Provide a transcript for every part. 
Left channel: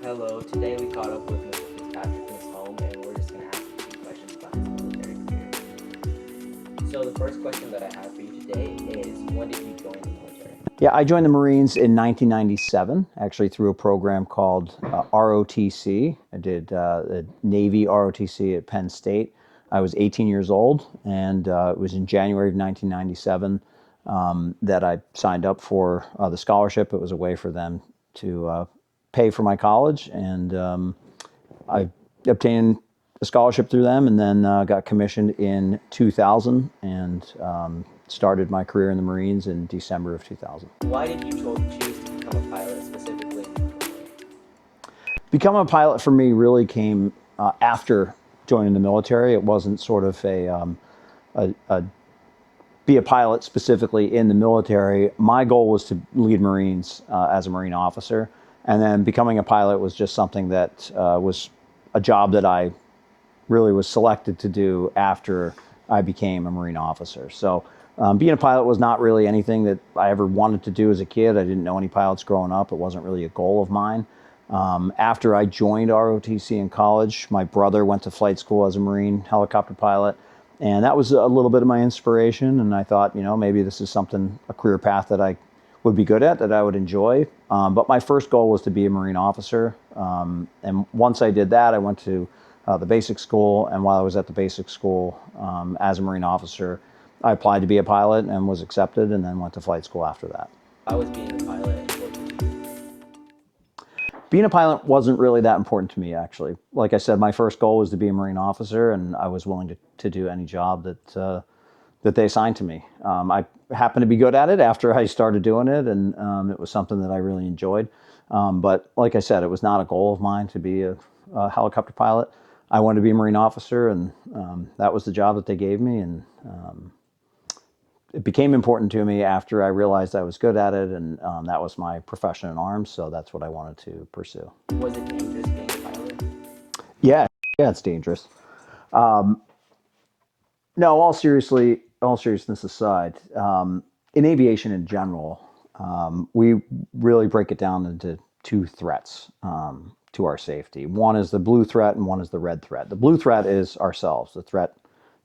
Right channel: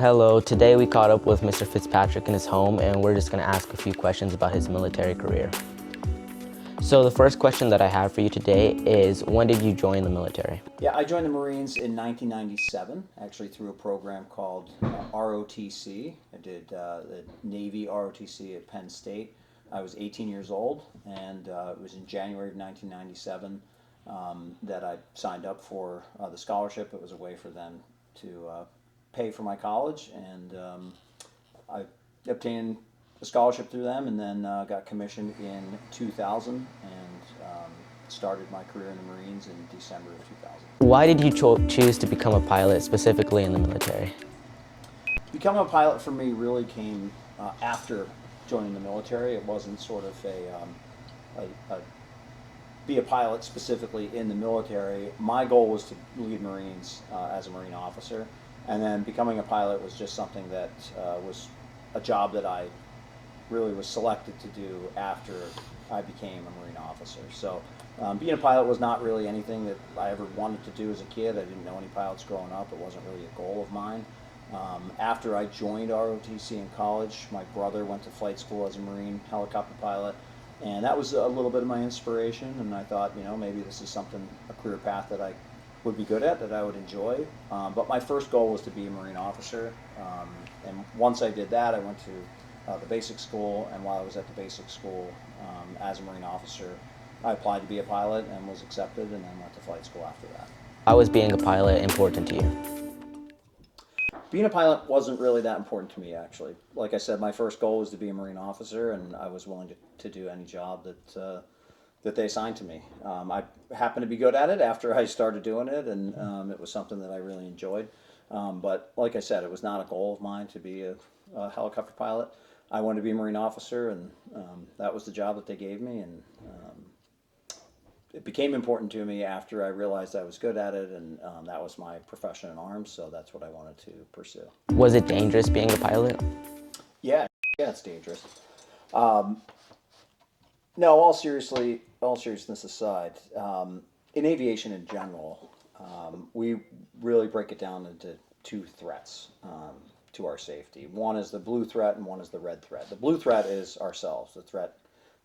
Hello, today we caught up with Mr. Fitzpatrick in his home and we're just going to ask a few questions about his military career. So the first question that I have for you today is, when did you join the military? Yeah, I joined the Marines in 1997, actually through a program called ROTC. I did a Navy ROTC at Penn State. I was 18 years old, and it was in January of 1997 that I signed up for the scholarship. It was a way for them to pay for my college, and I obtained a scholarship through them, and then got commissioned in 2000 and started my career in the Marines in December of 2000. Why did you choose to become a pilot, specifically in the military? Becoming a pilot for me really came after joining the military. It wasn't sort of a be a pilot specifically in the military. My goal was to lead Marines as a Marine officer, and then becoming a pilot was just something that was a job that I really was selected to do after I became a Marine officer. So being a pilot was not really anything that I ever wanted to do as a kid. I didn't know any pilots growing up. It wasn't really a goal of mine. After I joined ROTC in college, my brother went to flight school as a Marine helicopter pilot, and that was a little bit of my inspiration, and I thought, maybe this is something, a career path that I would be good at, that I would enjoy. But my first goal was to be a Marine officer, and once I did that, I went to the basic school, and while I was at the basic school as a Marine officer, I applied to be a pilot and was accepted, and then went to flight school after that. How was being a pilot important to you? Being a pilot wasn't really that important to me, actually. Like I said, my first goal was to be a Marine officer, and I was willing to do any job that they assigned to me. I happened to be good at it after I started doing it, and it was something that I really enjoyed. But like I said, it was not a goal of mine to be a helicopter pilot. I wanted to be a Marine officer, and that was the job that they gave me, and it became important to me after I realized I was good at it, and that was my profession in arms, so that's what I wanted to pursue. Was it dangerous being a pilot? Yeah, it's dangerous. No, all seriousness aside, in aviation in general, we really break it down into two threats to our safety. One is the blue threat, and one is the red threat. The blue threat is ourselves, the threat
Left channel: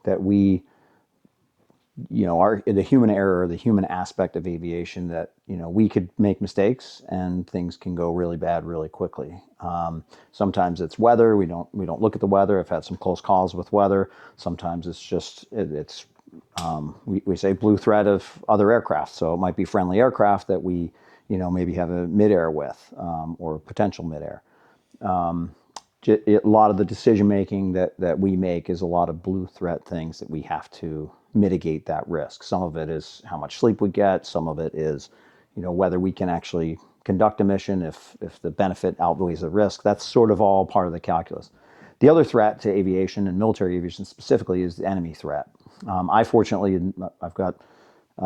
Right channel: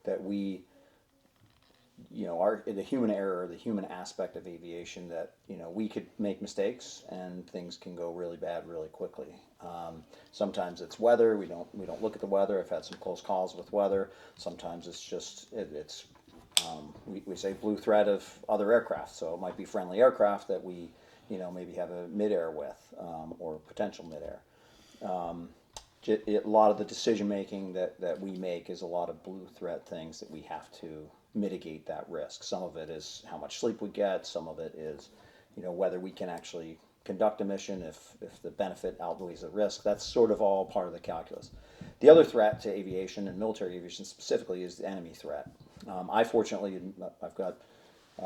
that we, the human error, the human aspect of aviation, that we could make mistakes and things can go really bad really quickly. Sometimes it's weather. We don't look at the weather. I've had some close calls with weather. Sometimes it's just we say blue threat of other aircraft. So it might be friendly aircraft that we maybe have a midair with, or potential midair. A lot of the decision making that we make is a lot of blue threat things that we have to mitigate that risk. Some of it is how much sleep we get. Some of it is, whether we can actually conduct a mission if the benefit outweighs the risk. That's sort of all part of the calculus. The other threat to aviation, and military aviation specifically, is the enemy threat. I've got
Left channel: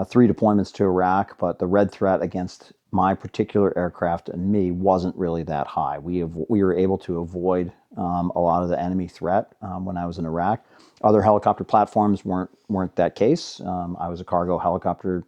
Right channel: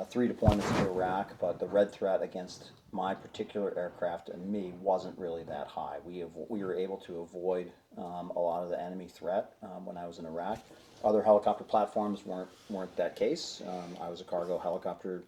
3 deployments to Iraq, but the red threat against my particular aircraft and me wasn't really that high. We were able to avoid a lot of the enemy threat when I was in Iraq. Other helicopter platforms weren't that case. I was a cargo helicopter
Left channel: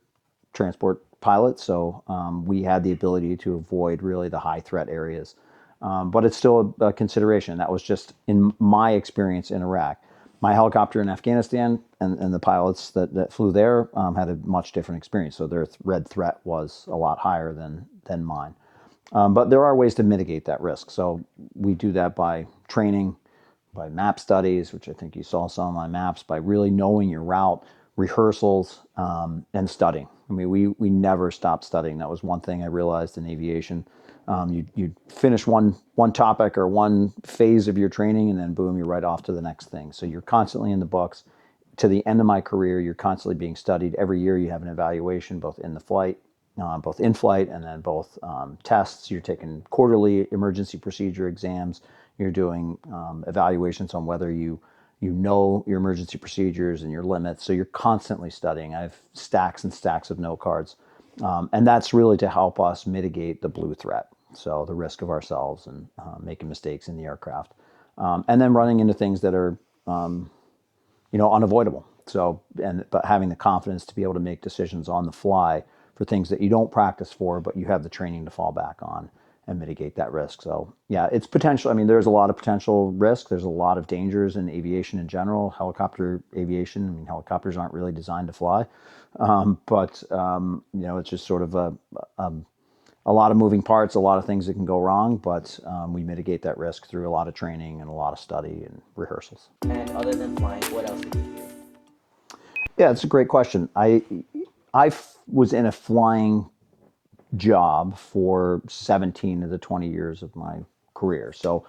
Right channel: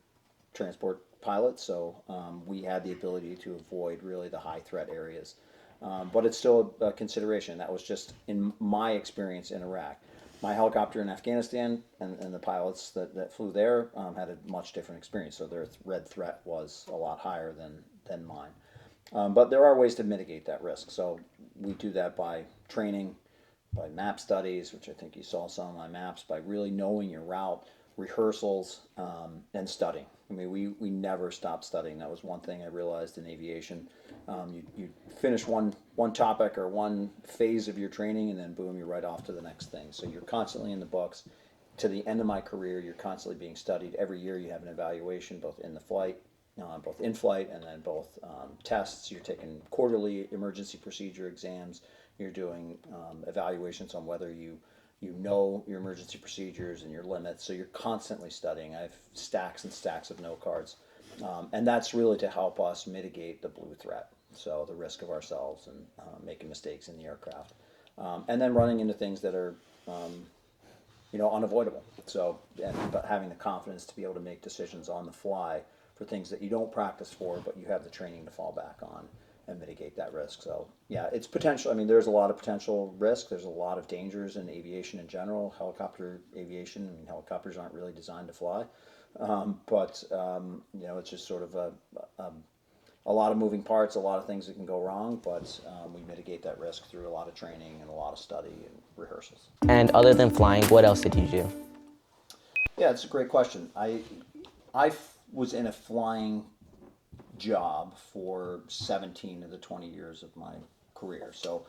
transport pilot, so we had the ability to avoid really the high threat areas. But it's still a consideration. That was just in my experience in Iraq. My helicopter in Afghanistan and the pilots that flew there had a much different experience. So their red threat was a lot higher than mine. But there are ways to mitigate that risk. So we do that by training, by map studies, which I think you saw some of my maps, by really knowing your route, rehearsals, and studying. I mean, we never stopped studying. That was one thing I realized in aviation. You finish one topic or one phase of your training, and then boom, you're right off to the next thing. So you're constantly in the books. To the end of my career, you're constantly being studied. Every year you have an evaluation, both in flight, and then both tests. You're taking quarterly emergency procedure exams. You're doing evaluations on whether you know your emergency procedures and your limits. So you're constantly studying. I have stacks and stacks of note cards. And that's really to help us mitigate the blue threat. So the risk of ourselves and making mistakes in the aircraft. And then running into things that are, unavoidable. So, but having the confidence to be able to make decisions on the fly for things that you don't practice for, but you have the training to fall back on. mitigate that risk. So yeah, it's potential. I mean, there's a lot of potential risk. There's a lot of dangers in aviation in general. Helicopter aviation. I mean, helicopters aren't really designed to fly, but it's just sort of a lot of moving parts, a lot of things that can go wrong. But we mitigate that risk through a lot of training and a lot of study and rehearsals. And other than flying, what else did you do? Yeah, it's a great question. Was in a flying job for 17 of the 20 years of my career. So,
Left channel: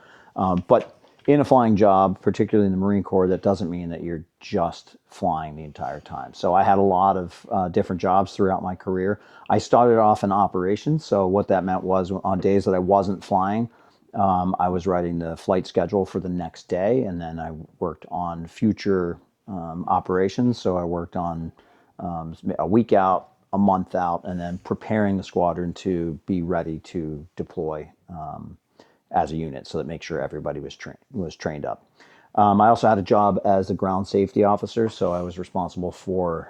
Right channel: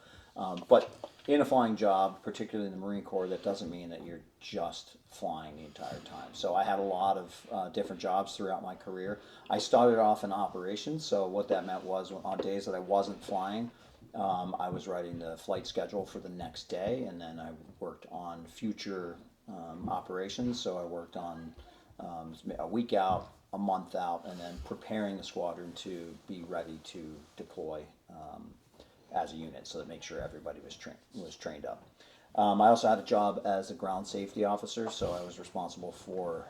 but in a flying job, particularly in the Marine Corps, that doesn't mean that you're just flying the entire time. So I had a lot of different jobs throughout my career. I started off in operations. So what that meant was on days that I wasn't flying, I was writing the flight schedule for the next day, and then I worked on future operations. So I worked on a week out, a month out, and then preparing the squadron to be ready to deploy as a unit, so that make sure everybody was trained up. I also had a job as a ground safety officer, so I was responsible for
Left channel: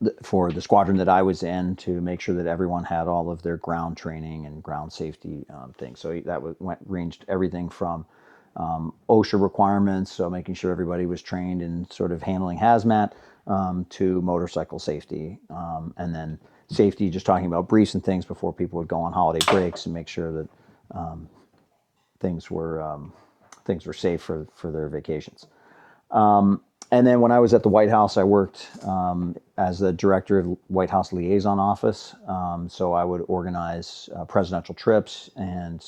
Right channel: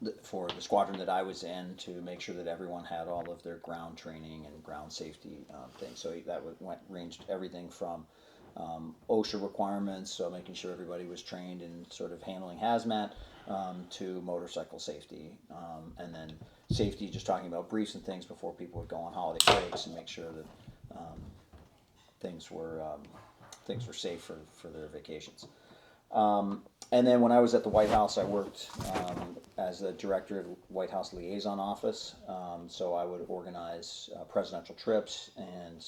the squadron that I was in to make sure that everyone had all of their ground training and ground safety things. So that ranged everything from OSHA requirements, so making sure everybody was trained in sort of handling hazmat, to motorcycle safety, and then safety, just talking about briefs and things before people would go on holiday breaks and make sure that things were safe for their vacations. And then when I was at the White House, I worked as the director of White House Liaison Office. So I would organize presidential trips and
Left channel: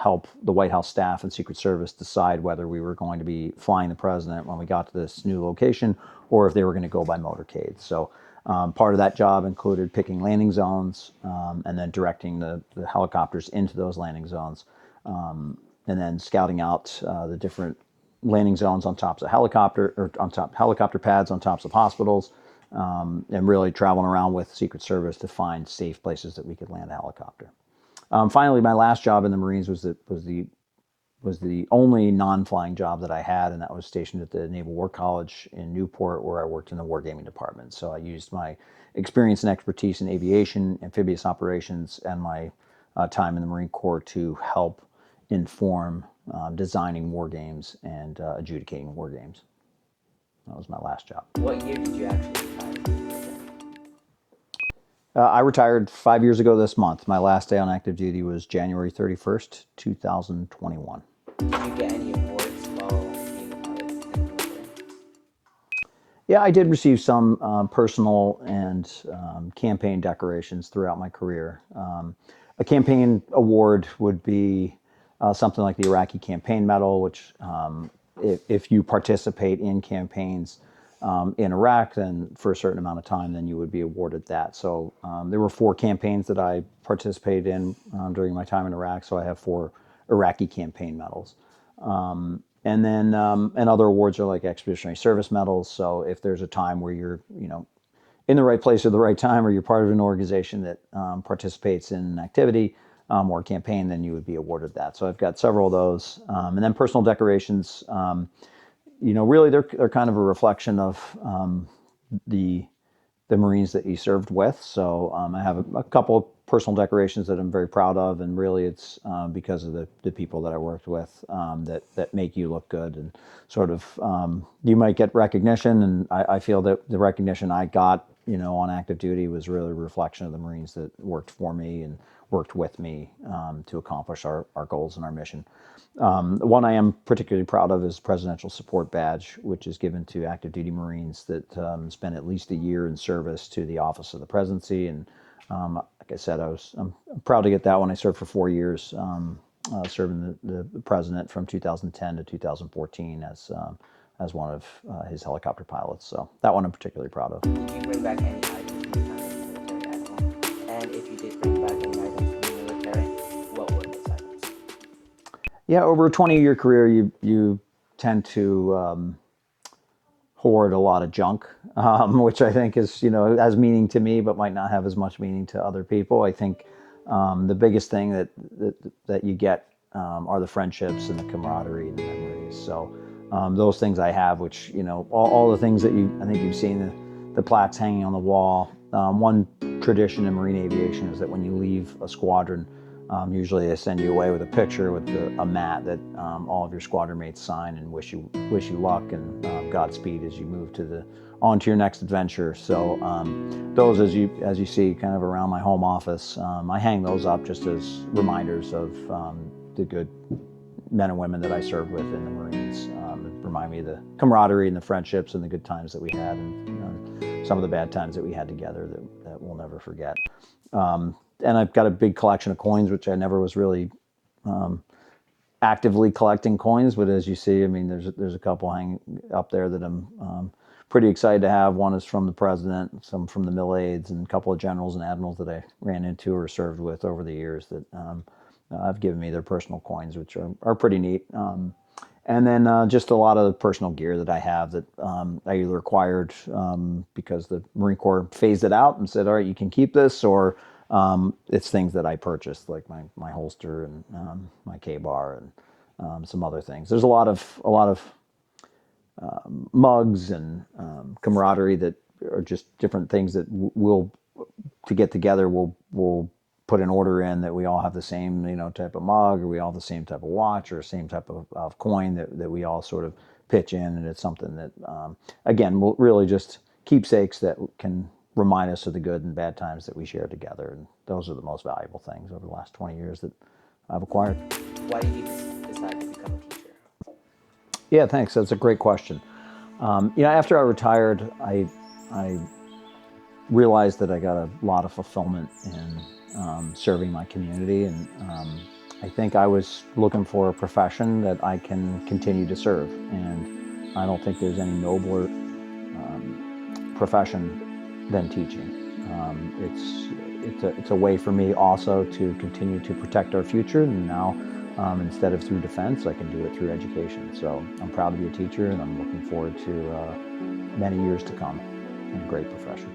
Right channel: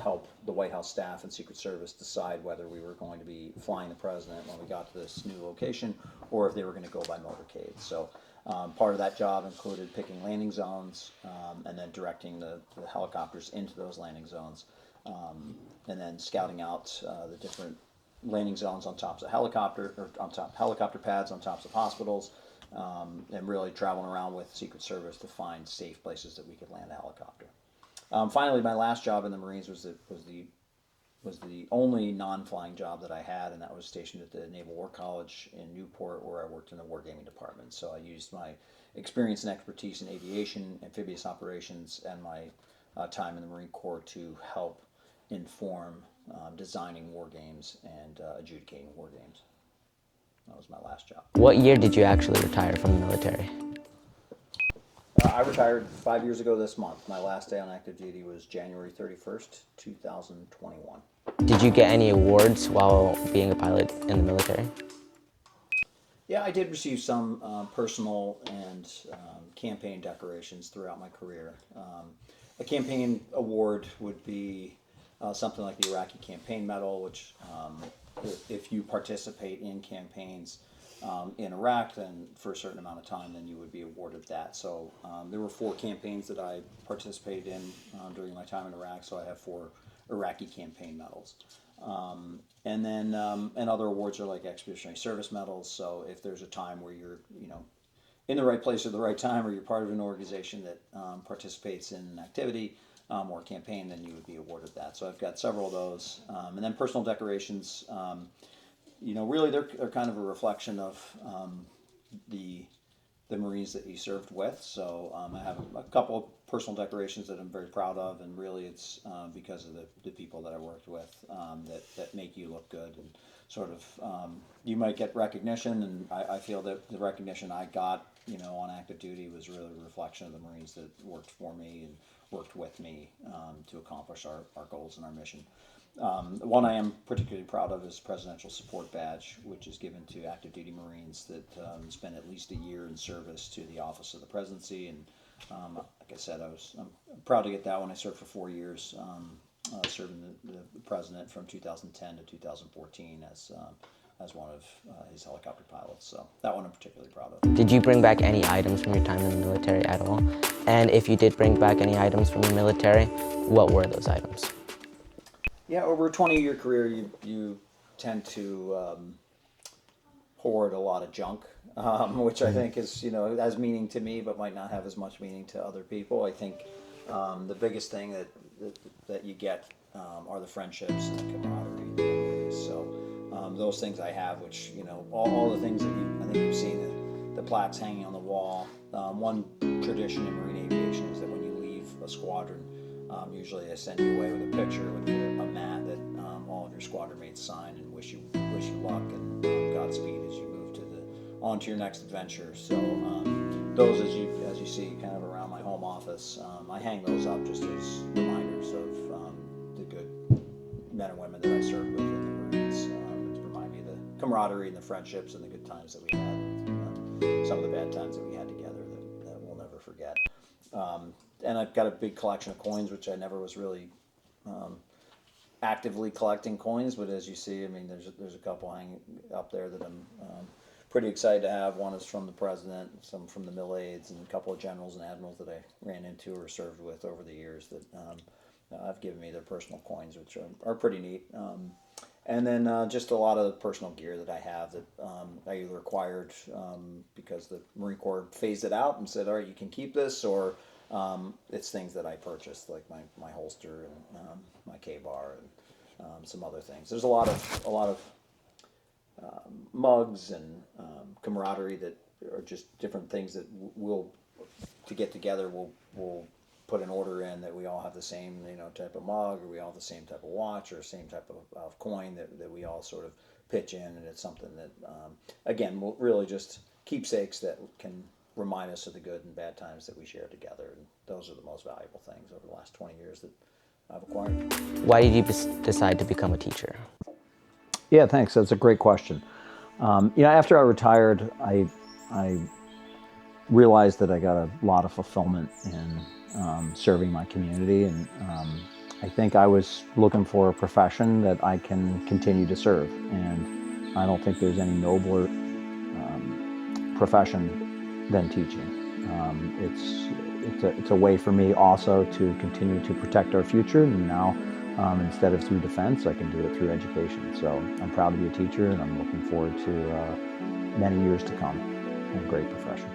help the White House staff and Secret Service decide whether we were going to be flying the president when we got to this new location, or if they were going to go by motorcade. So part of that job included picking landing zones, and then directing the helicopters into those landing zones, and then scouting out the different landing zones on tops of helicopter pads on tops of hospitals, and really traveling around with Secret Service to find safe places that we could land a helicopter. Finally, my last job in the Marines was the only non-flying job that I had, and that was stationed at the Naval War College in Newport, where I worked in the wargaming department. So I used my experience and expertise in aviation, amphibious operations, and my time in the Marine Corps to help inform designing war games and adjudicating war games. That was my last job. What year did you actually retire from the military? I retired 5 years ago this month. My last day on active duty was January 31st, 2021. Did you get any awards while being a pilot in the military? Yeah, I did receive some personal and campaign decorations throughout my career. A campaign award would be something like the Iraqi Campaign Medal, which if you participate in campaigns in Iraq, then for a certain amount of time, then you would be awarded that. So there were 4 campaigns that I participated in during my time in Iraq, so I have 4 Iraqi campaign medals. And then and other awards are like Expeditionary Service medals. So if there's a time where you're in the right place at the right time, or you're part of an organization that participates in an activity or a campaign, then you would be awarded that. So I've got several of those. And then personal decorations, really they're kind of a reflection of the Marines that you served with. So I have a couple of personal decorations that I'm very proud of, and really it's because of the people that I worked with that make you look good, and sort of you might get recognition, and I feel that the recognition I got on active duty was really a reflection of the Marines that worked for me and worked with me to accomplish our goals and our mission. One I am particularly proud of is Presidential Support Badge, which is given to active duty Marines that spend at least a year in service to the Office of the Presidency. And like I said, I'm proud to get that one. I served for 4 years, serving the President from 2010 to 2014 as one of his helicopter pilots. So that one I'm particularly proud of. Did you bring back any items from your time in the military at all? And if you did bring back any items from the military, what were those items? Yeah, over a 20-year career, you tend to hoard a lot of junk, which I think is has meaning to me, but might not have as much meaning to other people. I think the biggest thing that you get are the friendships and the camaraderie and the memories. So those things I have, which all the things that I think you've seen the plaques hanging on the wall. One tradition in marine aviation is that when you leave a squadron, Usually they send you away with a picture with a mat that all of your squadron mates sign and wish you luck and Godspeed as you move on to your next adventure. So those, as you see, kind of around my home office, I hang those up just as reminders of the good men and women that I served with in the Marines. It remind me of the camaraderie and the friendships and the good times that we had, and some of the bad times that we had together that we'll never forget. And I've got a big collection of coins, which I never was really actively collecting coins, but as you see, I mean, there's a couple hanging up there that I'm pretty excited to have. One is from the president, some from the mill aides, and a couple of generals and admirals that I ran into or served with over the years that have given me their personal coins, which are pretty neat. And then just a lot of personal gear that I have that I either acquired because the Marine Corps phased it out and said, all right, you can keep this, or it's things that I purchased, like my holster and my K-bar and some other things. There's a lot of mugs and camaraderie that are just different things that we'll to get together. We'll put an order in that we all have the same type of mug, or we all have the same type of watch, or same type of coin that we all sort of pitch in, and it's something that again will really just keepsakes that can remind us of the good and bad times that we shared together. And those are the most valuable things over the last 20 years that I've acquired. Why did you decide to become a teacher? Yeah, thanks. That's a great question. After I retired, I realized that I got a lot of fulfillment in serving my community, and I think I was looking for a profession that I can continue to serve. And I don't think there's any nobler profession than teaching. It's a way for me also to continue to protect our future, and now instead of through defense, I can do it through education. So I'm proud to be a teacher, and I'm looking forward to many years to come in a great profession.